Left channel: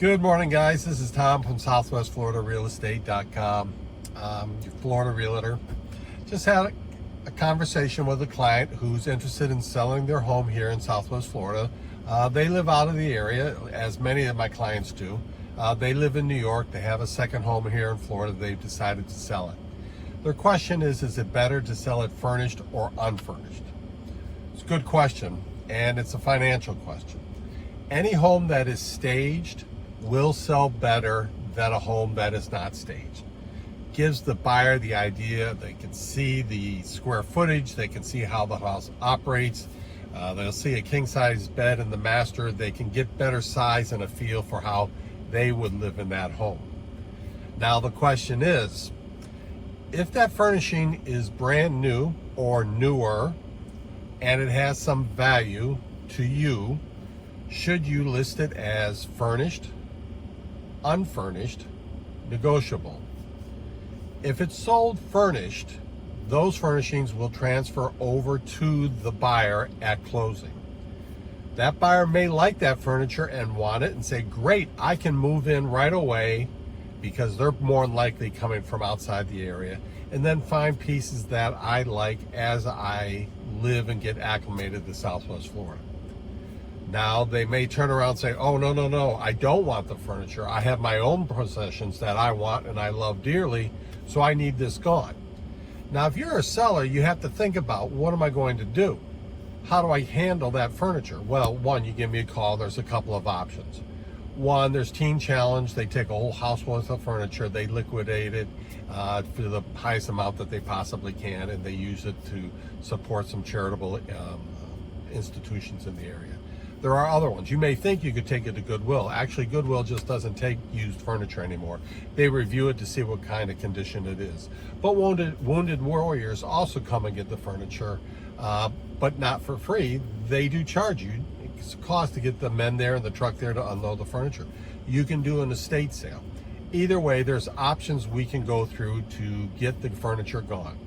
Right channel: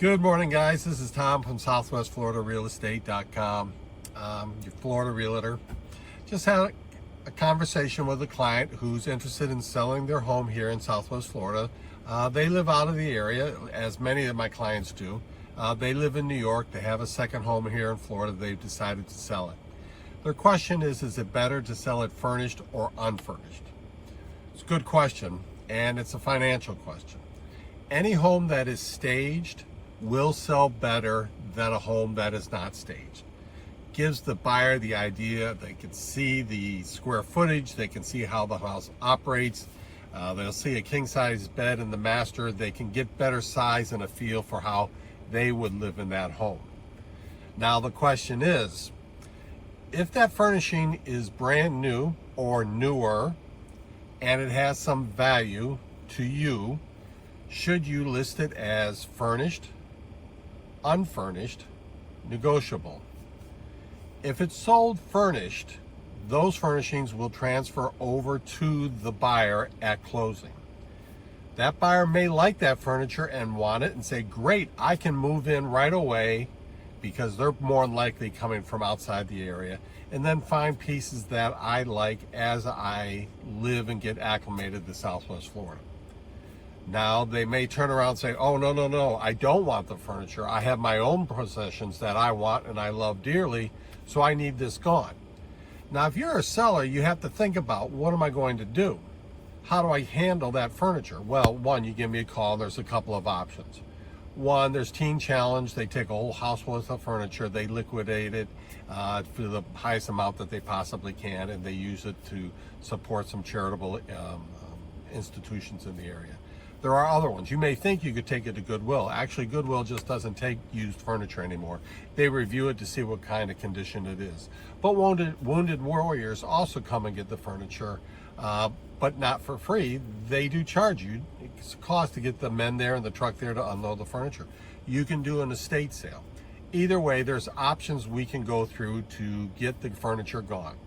Good morning, guys. This is Tom from SouthwestFloridaRealEstate.com, your Florida realtor. Just had a conversation with a client who's interested in selling their home here in Southwest Florida. They live out of the area, as many of my clients do. They live in New York. They have a second home here in Florida. They've decided to sell it. Their question is it better to sell it furnished or unfurnished? It's a good question, and it's a financial question. Any home that is staged will sell better than a home that is not staged. Gives the buyer the idea, they can see the square footage, they can see how the house operates, they'll see a king-size bed in the master, they can get better size and a feel for how they would live in that home. Now the question is, if that furnishing is brand new or newer and it has some value to you, should you list it as furnished, unfurnished, negotiable? If it's sold furnished, those furnishings will transfer over to the buyer at closing. That buyer may like that furniture and want it and say, great, I can move in right away, because they're more than likely coming from outside the area, and then find pieces that I like as I live and get acclimated to Southwest Florida. Now they may turn around and say, oh, no, I don't want the furniture. I have my own possessions that I want and I love dearly, so I need this gone. Now, if you're a seller, you have to think about, what am I going to do? How do I handle that furniture? Well, one, you give me a call. There's a couple of options. One, there's Teen Challenge. They take a whole house worth of furniture, they liquidate it for the highest amount that they possibly can, and they use it to support some charitable institutions in the area. There are other ones. You may think you could take it to Goodwill. Actually, Goodwill just doesn't take used furniture anymore. They review it to see what kind of condition it is. But Wounded Warriors also come and get the furniture, but not for free. They do charge you. It's a cost to get the men there and the truck there to unload the furniture. You can do an estate sale. Either way, there's options we can go through to get the furniture gone.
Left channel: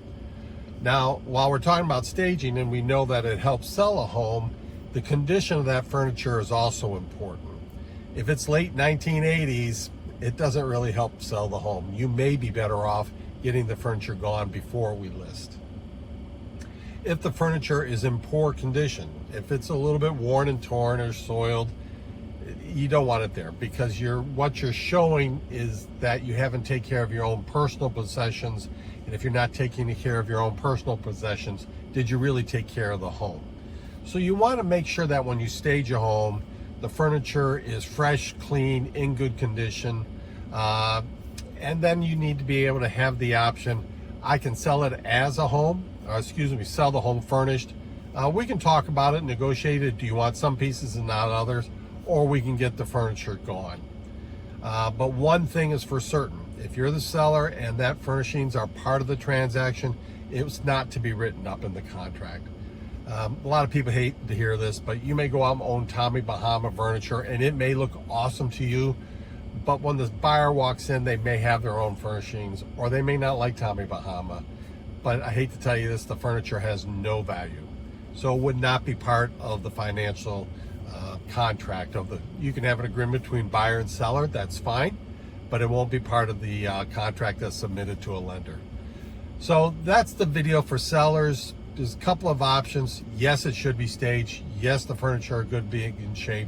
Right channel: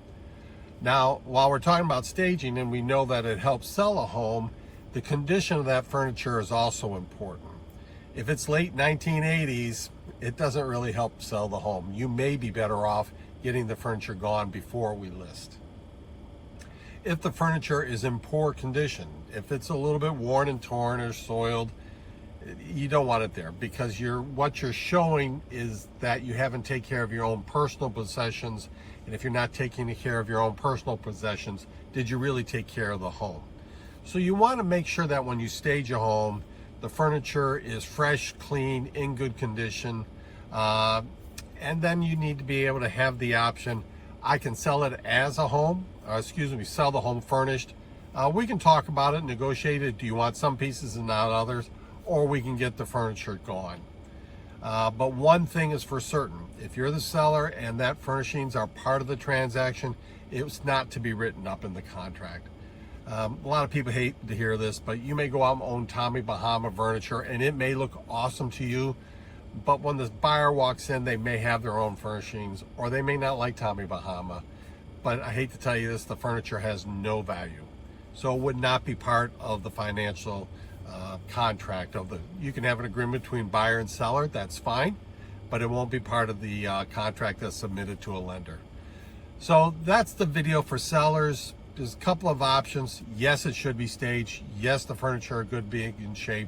Now, while we're talking about staging, and we know that it helps sell a home, the condition of that furniture is also important. If it's late 1980s, it doesn't really help sell the home. You may be better off getting the furniture gone before we list. If the furniture is in poor condition, if it's a little bit worn and torn or soiled, you don't want it there, because what you're showing is that you haven't taken care of your own personal possessions. And if you're not taking care of your own personal possessions, did you really take care of the home? So you want to make sure that when you stage a home, the furniture is fresh, clean, in good condition. And then you need to be able to have the option, I can sell it as a home, sell the home furnished. We can talk about it, negotiate it. Do you want some pieces and not others? Or we can get the furniture gone. But one thing is for certain, if you're the seller and that furnishings are part of the transaction, it's not to be written up in the contract. A lot of people hate to hear this, but you may go out and own Tommy Bahama furniture and it may look awesome to you, but when the buyer walks in, they may have their own furnishings, or they may not like Tommy Bahama. But I hate to tell you this, the furniture has no value. So it would not be part of the financial contract. You can have an agreement between buyer and seller, that's fine, but it won't be part of the contract that's submitted to a lender. So that's the video for sellers. There's a couple of options. Yes, it should be staged. Yes, the furniture should be in good shape.